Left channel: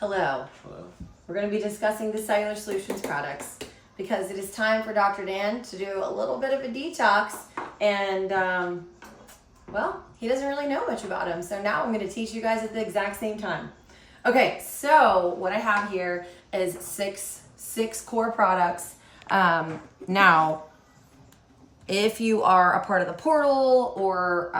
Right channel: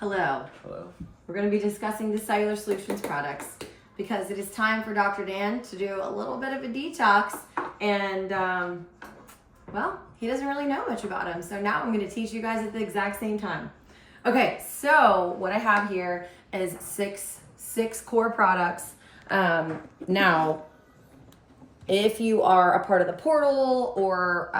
Hello. Hello. We're going to be discussing the Cellular Solutions products because it is time for Dr. Dan to do a little bit of a detox, and well, he doesn't really know much about them. So now I'm going to teach you guys at the exact same time. Okay, so what I have here is six core products. Now, if you are a part of the portal or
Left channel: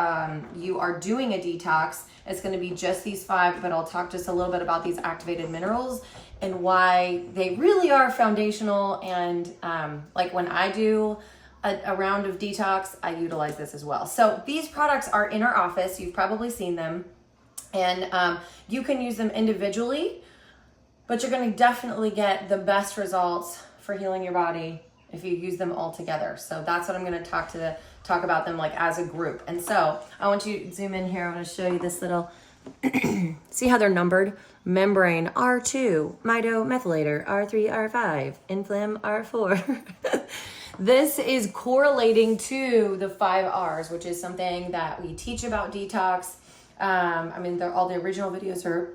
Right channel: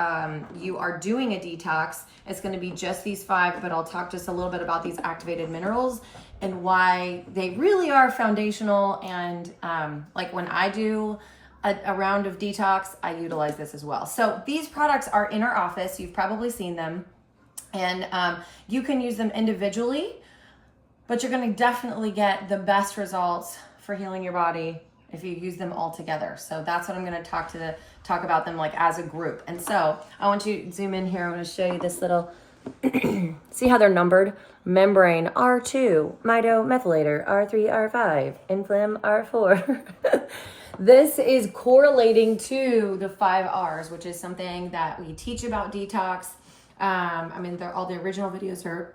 you are doing a detox, it's going to be just these 5, but I'll talk just a little bit about these activated minerals and why they really are foundational. And like when I do a round of detox, I utilize this as well. So these products are in our office. You've probably seen them, and you can use them individually, but you're going to definitely get the best results for healing your body if you use them all together. So that's what I'm going to talk about them like as a group. And so I want you to zoom in here. I'm going to show you this little, see how they're numbered? Membrane R2, mitomethylator R3, R5, inflam R4. This is correlating to the 5 R's, which is something that we teach about detox. All the original videos are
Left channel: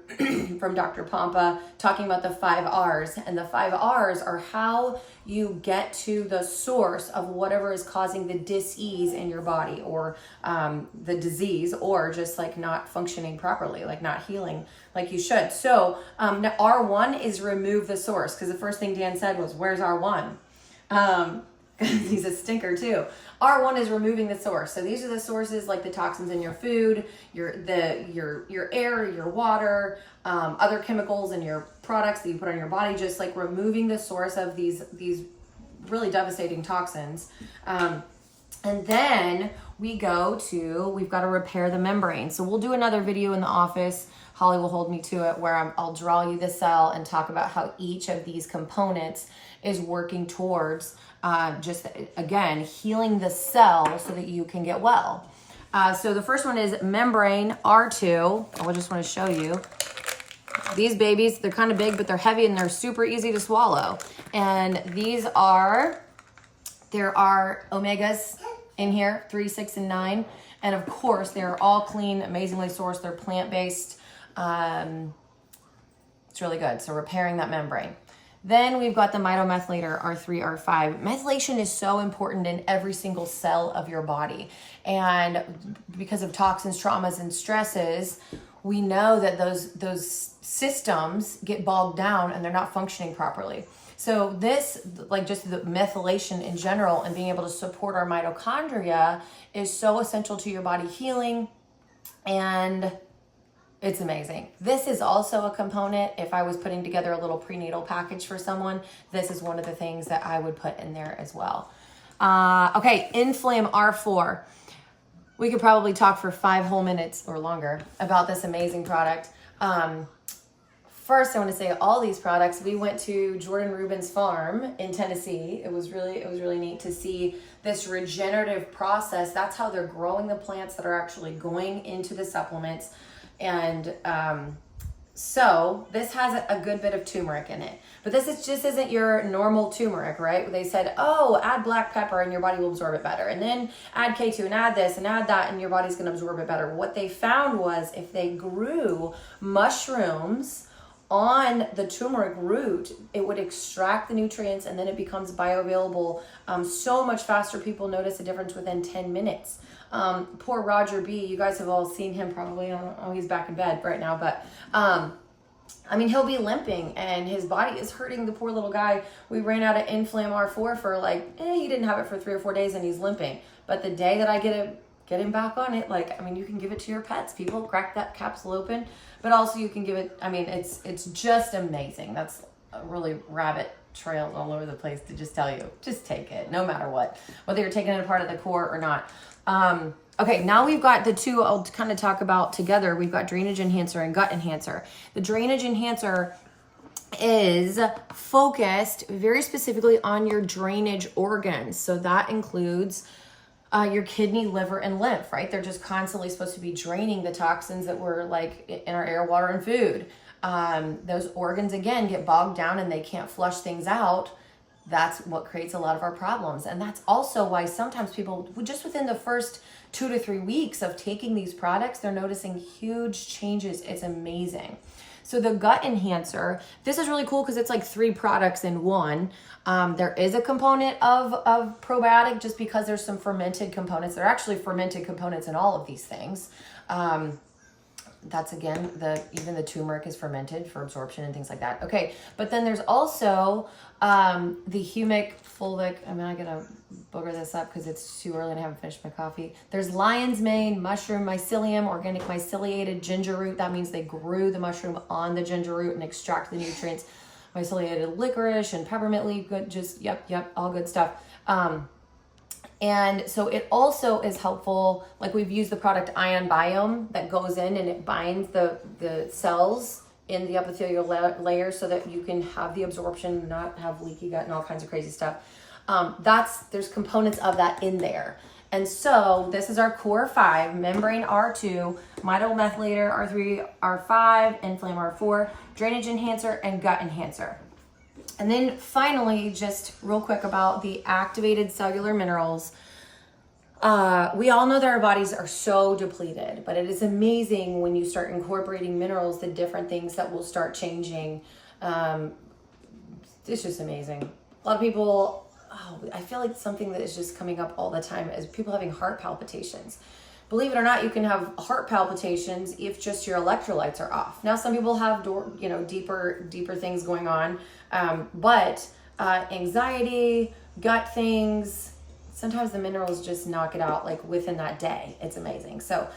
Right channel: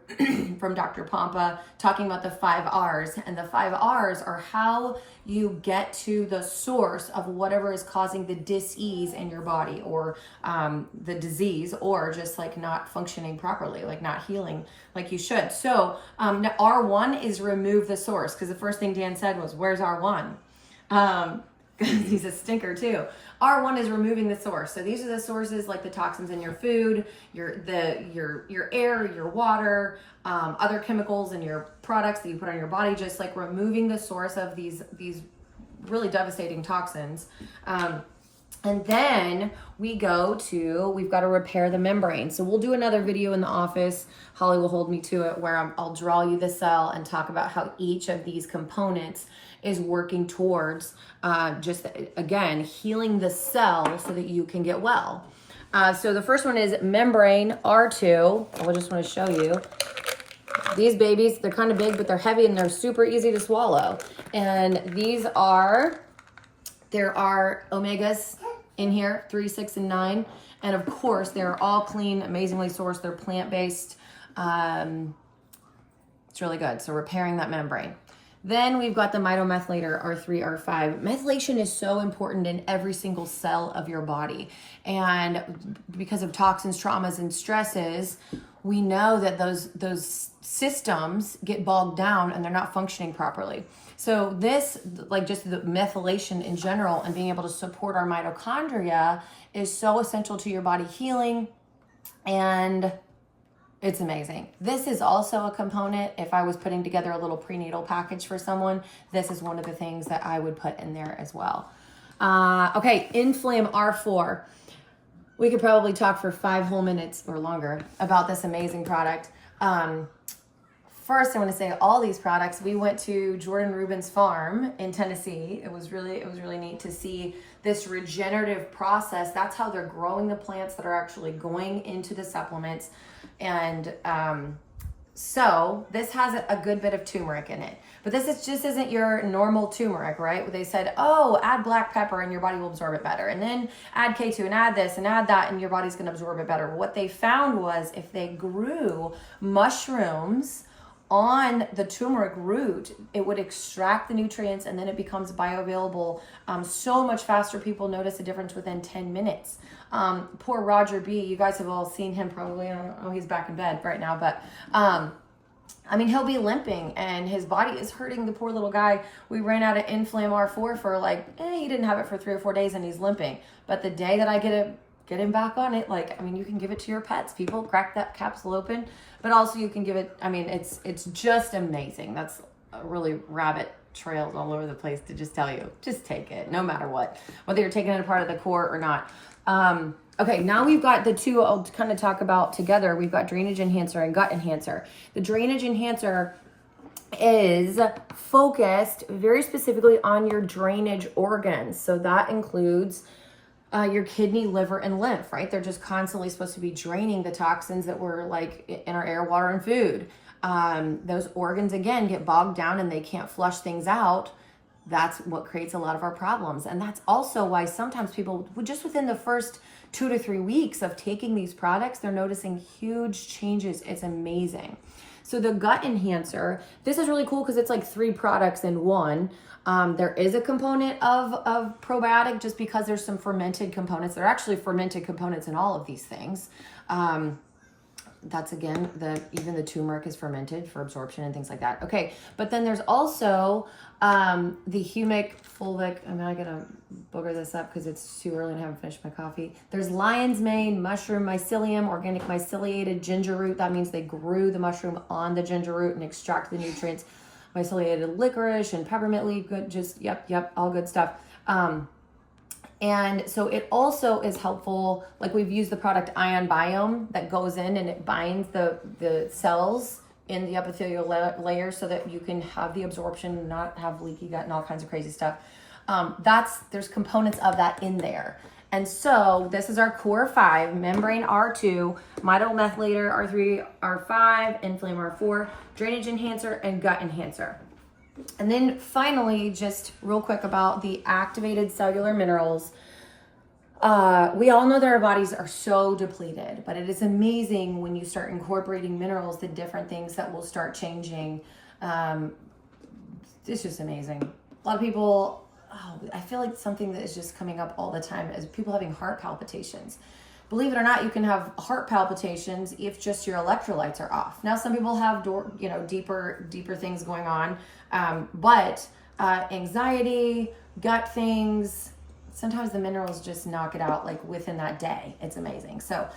from Dr. Pompa talking about the 5 R's, and the 5 R's are how you get to the source of whatever is causing the dis-ease in your body, or the disease, or just like not functioning properly, like not healing like you should. So R1 is remove the source, because the first thing Dan said was, where's R1? He's a stinker too. R1 is removing the source. So these are the sources, like the toxins in your food, your air, your water, other chemicals in your products that you put on your body, just like removing the source of these really devastating toxins. And then we've got to repair the membrane. So we'll do another video in the office. Holly will hold me to it, where I'll draw you the cell and talk about how each of these components is working towards just, again, healing the cell so that you can get well. So the first one is membrane R2. I just want to show you. These babies, they're kind of big, but they're heavy and they're super easy to swallow. And there are omegas in here, 3, 6, and 9. And of course, they're all clean, amazingly sourced. They're plant-based. It's really good. So repairing that membrane. Then we've got the mitomethylator R3, R5. Methylation is so important in every single cell of your body. And because of toxins, traumas, and stresses, we know that those systems get bogged down and they're not functioning properly. So this, like just the methylation in general and being able to support our mitochondria, is so essential to your body healing, and it's amazing. This is also a component. If I was putting together a little prenatal package for someone, this is one of the things that I would put in there as well. Okay, inflam R4. We could probably talk for 5 whole minutes or longer about this amazing product. First, I want to say all these products, we went to Jordan Rubin's farm in Tennessee. It was really neat to see this regenerative process. That's how they're growing the plants that are actually going into the supplements. And so this has a good bit of turmeric in it, but just isn't your normal turmeric, right? They said, oh, add black pepper and your body will absorb it better. And then add K2 and add this and add that and your body's going to absorb it better. What they found was if they grew mushrooms on the turmeric root, it would extract the nutrients and then it becomes bioavailable so much faster. People notice a difference within 10 minutes. Poor Roger B, you guys have all seen him probably. Oh, he's back in bed right now, but he'll be limping and his body is hurting. The poor little guy. We ran out of inflam R4 for he didn't have it for 3 or 4 days and he's limping. But the day that I get him back on it, you can give it to your pets. People crack that capsule open, but also you can give it, it's just amazing. That's a really rabbit trails all over the place to just tell you, just take it no matter what, whether you're taking it a part of the core or not. Okay, now we've got the 2 I'll kind of talk about together. We've got drainage enhancer and gut enhancer. The drainage enhancer is focused very specifically on your drainage organs. So that includes your kidney, liver, and lymph, right? They're just constantly supposed to be draining the toxins that were in our air, water, and food. Those organs, again, get bogged down and they can't flush things out. That's what creates a lot of our problems. And that's also why sometimes people, just within the first 2 to 3 weeks of taking these products, they're noticing huge changes. It's amazing. So the gut enhancer, this is really cool because it's like 3 products in one. There is a component of probiotic just because there's some fermented components. There are actually fermented components in all of these things. That's again, even the turmeric is fermented for absorption and things like that. Okay, but then there's also the humic fulvic. I'm not gonna booger this up because it's too early and I haven't finished my coffee. There's lion's mane, mushroom mycelium, organic myceliated ginger root. That means they grew the mushroom on the ginger root and extract the nutrients. Myceliated licorice and peppermint leaf. Good, just yep, all good stuff. And so it also is helpful, like we've used the product Ion Biome that goes in and it binds the cells in the epithelial layer so that you can have the absorption, not have leaky gut and all kinds of crazy stuff. There's components of that in there. And so this is our core 5, membrane R2, mitomethylator R3, R5, inflamm R4, drainage enhancer, and gut enhancer. And then finally, just real quick about the activated cellular minerals. We all know that our bodies are so depleted, but it is amazing when you start incorporating minerals, the different things that will start changing. It's just amazing. A lot of people, I feel like something that is just coming up all the time is people having heart palpitations. Believe it or not, you can have heart palpitations if just your electrolytes are off. Now, some people have deeper things going on, but anxiety, gut things, sometimes the minerals just knock it out like within that day. It's amazing. So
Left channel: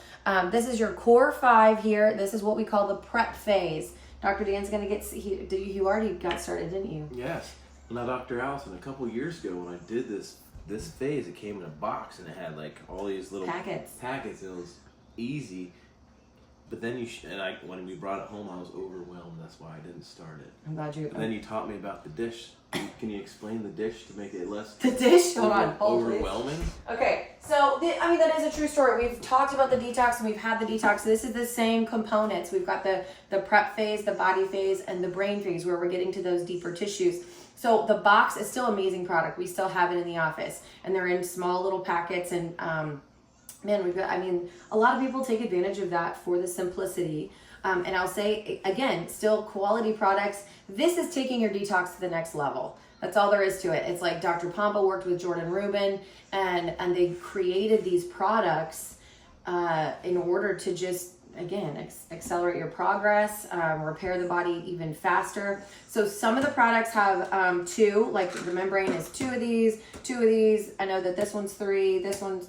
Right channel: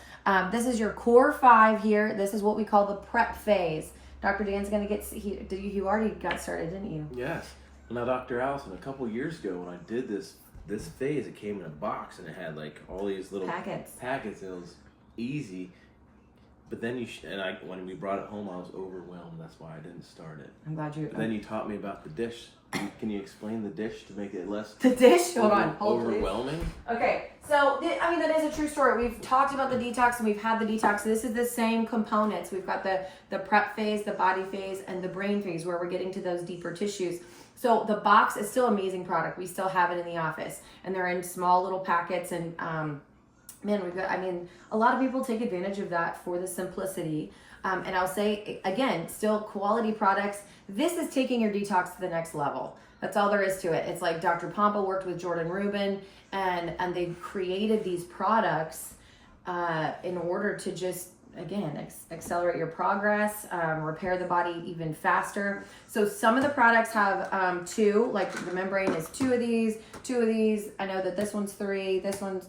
this is your core 5 here. This is what we call the prep phase. Dr. Dan's going to get, you already got started, didn't you? Yes. Now, Dr. Allison, a couple years ago when I did this phase, it came in a box and it had like all these little packets and it was easy. But then when we brought it home, I was overwhelmed. That's why I didn't start it. I'm glad you. And then you taught me about the dish. Can you explain the dish to make it less? The dish. Hold overwhelming. Please. Okay, so that is a true story. We've talked about the detox and we've had the detox. This is the same components. We've got the prep phase, the body phase, and the brain phase where we're getting to those deeper tissues. So the box is still an amazing product. We still have it in the office, and they're in small little packets. And a lot of people take advantage of that for the simplicity. And I'll say again, still quality products. This is taking your detox to the next level. That's all there is to it. It's like Dr. Pompa worked with Jordan Rubin, and they created these products in order to just, again, accelerate your progress, repair the body even faster. So some of the products have 2, like the membrane is 2 of these. I know that this one's 3, this one's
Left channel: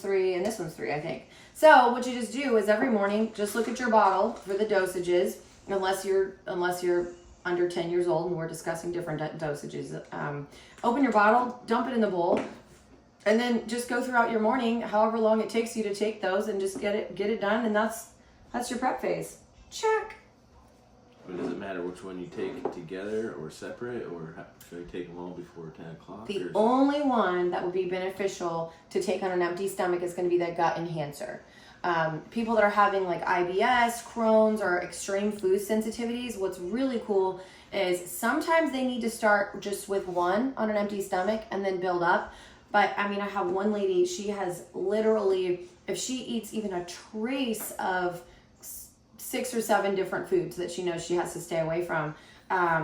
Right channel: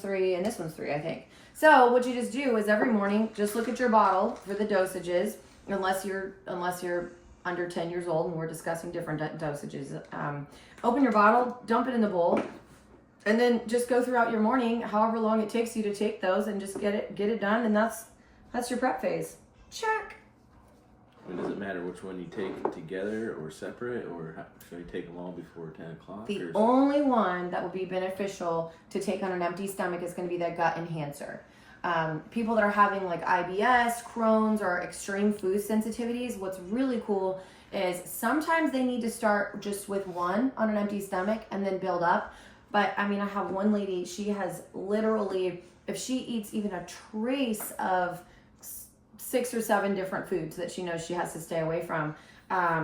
3, and this one's 3, I think. So what you just do is every morning, just look at your bottle for the dosages, unless you're under 10 years old and we're discussing different dosages. Open your bottle, dump it in the bowl, and then just go throughout your morning, however long it takes you to take those, and just get it done. And that's your prep phase. Check. Does it matter which one you take together or separate, or should I take them all before 10 o'clock? The only one that would be beneficial to take on an empty stomach is going to be that gut enhancer. People that are having like IBS, Crohn's, or extreme food sensitivities, what's really cool is sometimes they need to start just with one on an empty stomach and then build up. But I have one lady, she has literally, if she eats even a trace of 6 or 7 different foods that she knows she has to stay away from,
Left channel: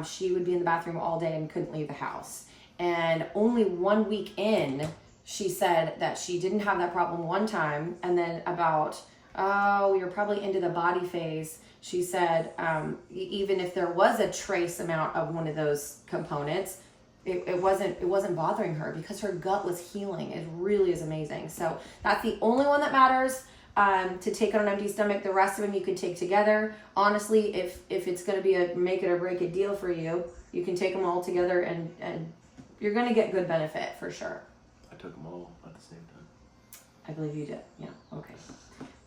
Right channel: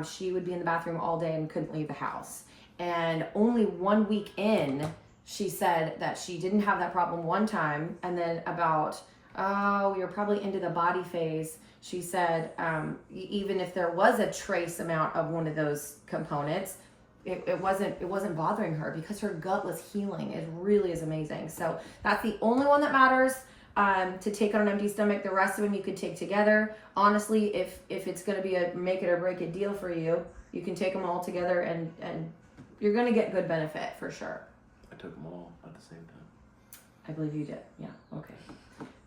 she would be in the bathroom all day and couldn't leave the house. And only 1 week in, she said that she didn't have that problem one time, and then we were probably into the body phase. She said even if there was a trace amount of one of those components, it wasn't bothering her because her gut was healing. It really is amazing. So that's the only one that matters to take on an empty stomach. The rest of them you could take together. Honestly, if it's going to be a make it or break it deal for you, you can take them all together and you're going to get good benefit for sure. I took them all at the same time. I believe you did. Yeah. Okay.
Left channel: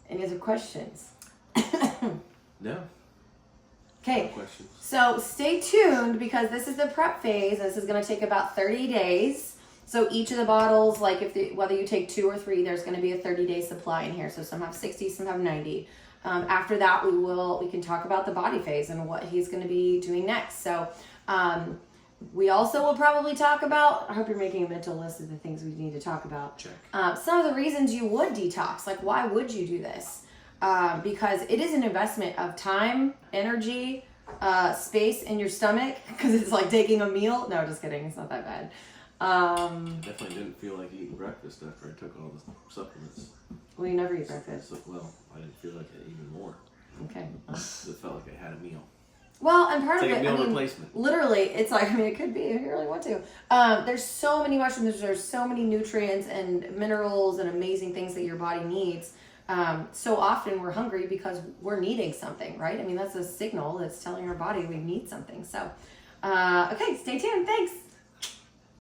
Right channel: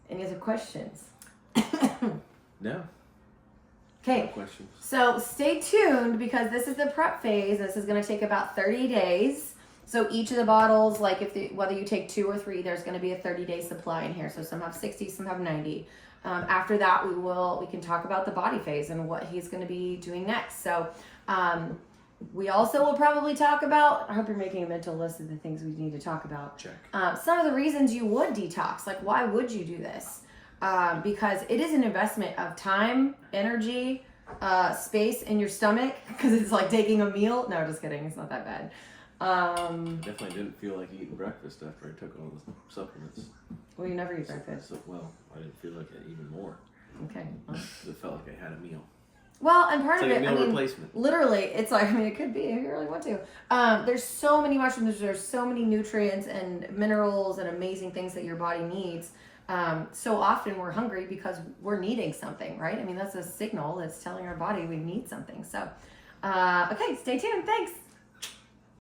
Any other questions? No. Okay. No questions. So stay tuned because this is the prep phase. This is going to take about 30 days. So each of the bottles, like whether you take 2 or 3, there's going to be a 30-day supply in here. So some have 60, some have 90. After that, we can talk about the body phase and what he's going to be doing next. So we also will probably talk about, I hope you're making a mental list of the things we need to talk about. Check. Some of the reasons you would detox, like why would you do this? because it is an investment of time, energy, space in your stomach, because it's like taking a meal. No, just kidding. It's not that bad. Definitely didn't feel like eating breakfast after I took all the supplements. Well, you never eat breakfast. So, well, I didn't feel like it even more. Okay. It felt like I had a meal. Well, and part It's of like it, a meal replacement. Literally, it's like, it could be if you really want to. There's so many mushrooms, there's so many nutrients and minerals and amazing things that your body needs. So often we're hungry because we're needing something, right? I mean, that's a signal that's telling our body we need something. So, okay, stay tuned. Thanks.